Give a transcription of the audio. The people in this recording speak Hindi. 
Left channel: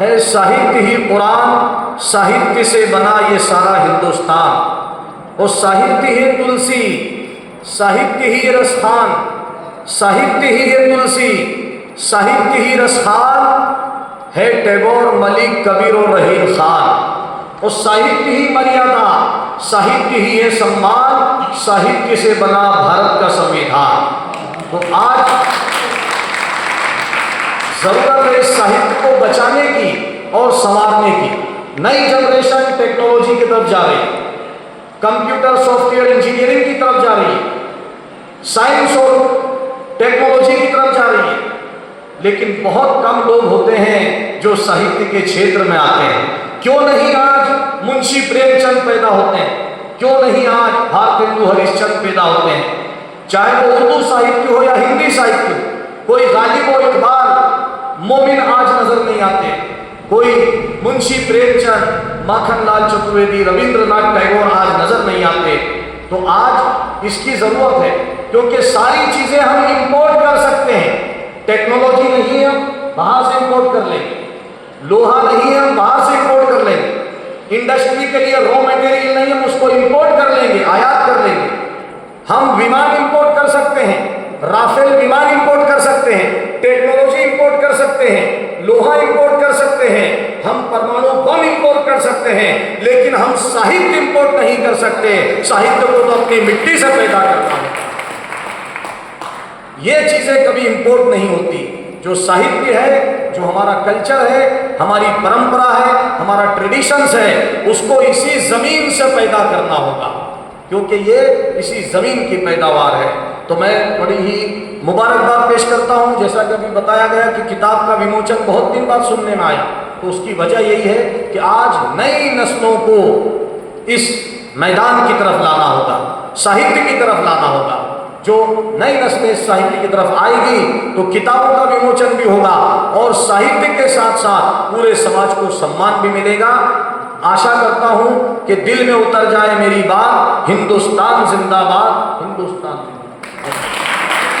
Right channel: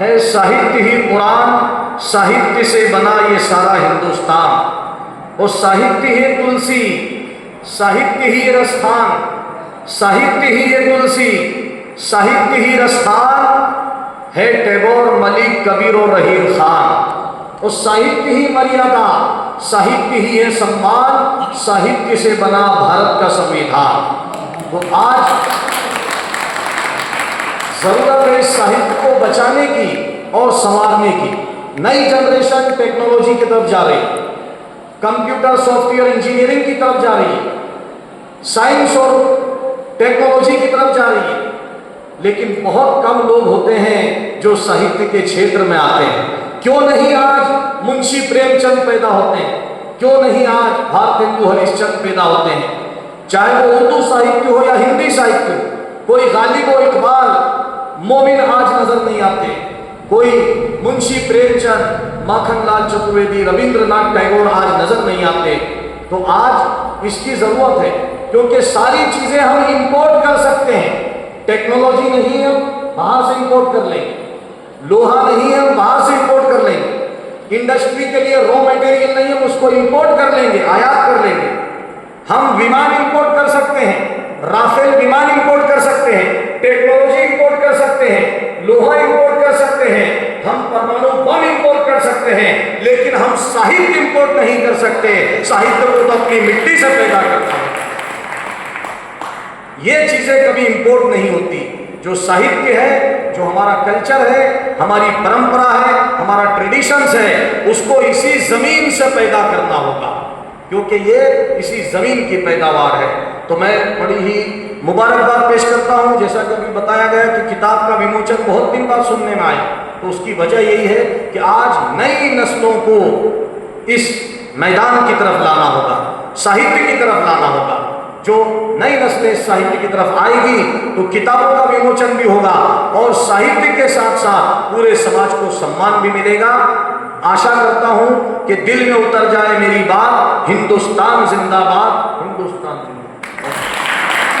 है साहित्य ही कुरान, साहित्य से बना ये सारा हिंदुस्तान। और साहित्य ही तुलसी, साहित्य ही रसखान, साहित्य ही है तुलसी, साहित्य ही रसखान, है टैगोर, मलिक, कबीर और रहीम खान। और साहित्य ही मर्यादा, साहित्य ही है सम्मान, साहित्य से बना भारत का संविधान। तो आज जरूरत है इस साहित्य को बचाने की और संवारने की। नई जनरेशन टेक्नोलॉजी की तरफ जा रही है, कंप्यूटर सॉफ्टवेयर इंजीनियरिंग की तरफ जा रही है, साइंस और टेक्नोलॉजी की तरफ जा रही है, लेकिन बहुत कम लोग होते हैं जो साहित्य के क्षेत्र में आते हैं। क्यों नहीं आज मुंशी प्रेमचंद पैदा होते हैं, क्यों नहीं आज भारतेंदु हरिश्चंद्र पैदा होते हैं, चाहे वो उर्दू साहित्य हो या हिंदी साहित्य हो। कोई गालिब और इकबाल, मोमिन आज नजर नहीं आते, कोई मुंशी प्रेमचंद, माखनलाल चतुर्वेदी, रविंद्रनाथ टैगोर आज नजर नहीं आते। तो आज इसकी जरूरत है, क्योंकि सारी चीजें हम इंपोर्ट कर सकते हैं। टेक्नोलॉजी नहीं है, बाहर से इंपोर्ट कर लेंगे। लोहा नहीं है, बाहर से इंपोर्ट कर लेंगे। इंडस्ट्री के लिए रॉ मटेरियल नहीं है, उसको इंपोर्ट कर लेंगे, आयात कर लेंगे। हम विमान इंपोर्ट कर सकते हैं, राफेल विमान इंपोर्ट कर सकते हैं, टेक्नोलॉजी इंपोर्ट कर सकते हैं, लोहा इंपोर्ट कर सकते हैं, हम परमाणु बम इंपोर्ट कर सकते हैं, लेकिन हम साहित्य इंपोर्ट नहीं कर सकते। साहित्य को तो अपनी मिट्टी से पैदा करता है। ये चीजें कभी इंपोर्ट नहीं होती। जो साहित्य है, जो हमारा कल्चर है, हमारी परंपरा है, हमारा ट्रेडिशंस है, उसको इसी जमीन से पैदा करना होगा, क्योंकि ये इसी जमीन की पैदावार है। तो मैं बड़ी ही मुबारकबाद पेश करता हूँ। जैसा कि अभी बताया गया कि किताब का विमोचन बहुत दिन बाद सुनने में आया, तो उसकी वजह यही है कि आज नई नस्लों को इस मैदान की तरफ लाना होगा, साहित्य की तरफ लाना होगा। जो नई नस्लें साहित्य की तरफ आएगी तो किताबों का विमोचन भी होगा और साहित्य के साथ साथ पूरे समाज को सम्मान भी मिलेगा। आशा करता हूं कि दिल में उतर जाए मेरी बात, हिंदुस्तान जिंदाबाद, हिंदुस्तान।